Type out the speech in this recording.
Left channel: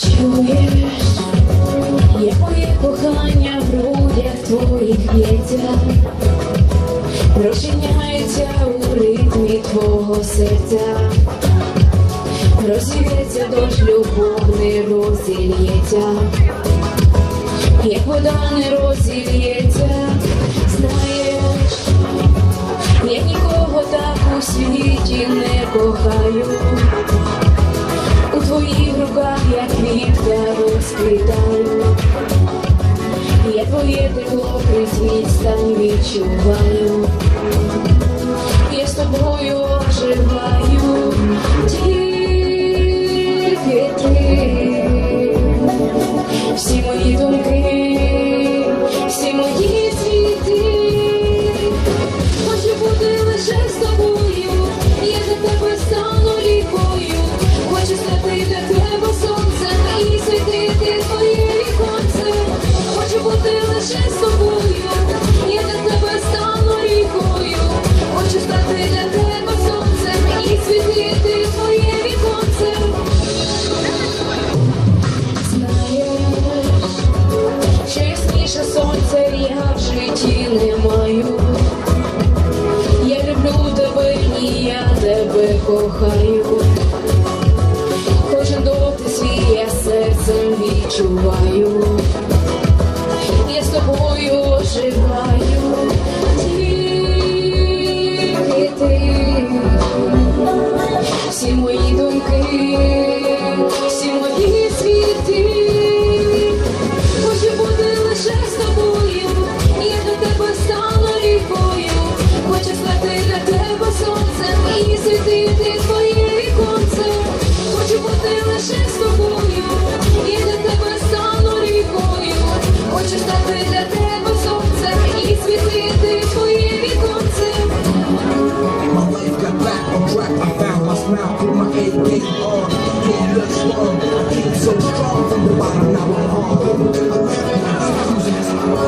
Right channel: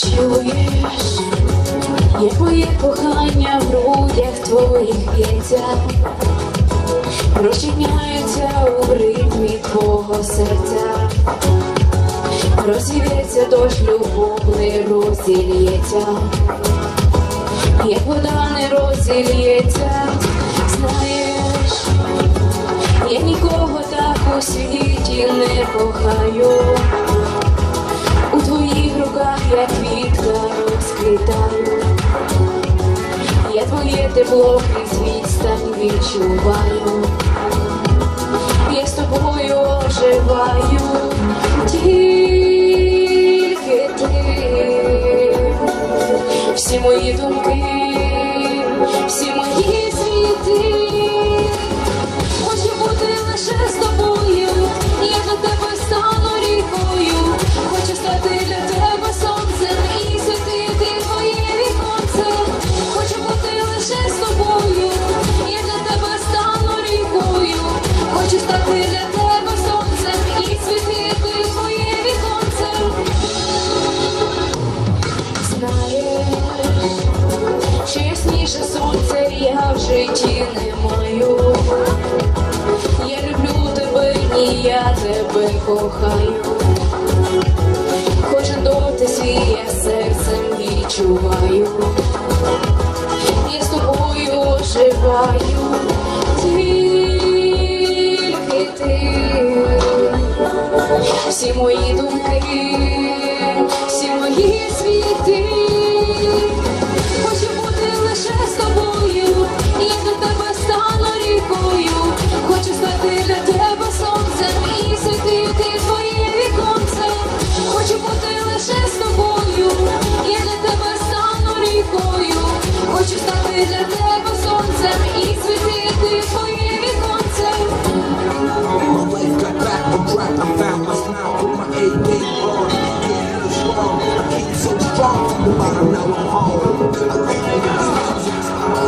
Чуєш, як моє кохання в грудях твоїх б'ється, розчиняється у ритмі твого серця, розсівється дощ, любов не розілється, як вода не розілється, знаєш, я нікого так у світі не кохаю. Тепло крізь відстань відчуваю. Я з тобою оживаю, тільки ти. Всі мої думки, я в житті не маю. Я люблю тебе і я тебе кохаю. Кожен доти свій я серцем відчуваю. Game on. A little strong. I came so strong from the bottom, now I'm home. I like music, my own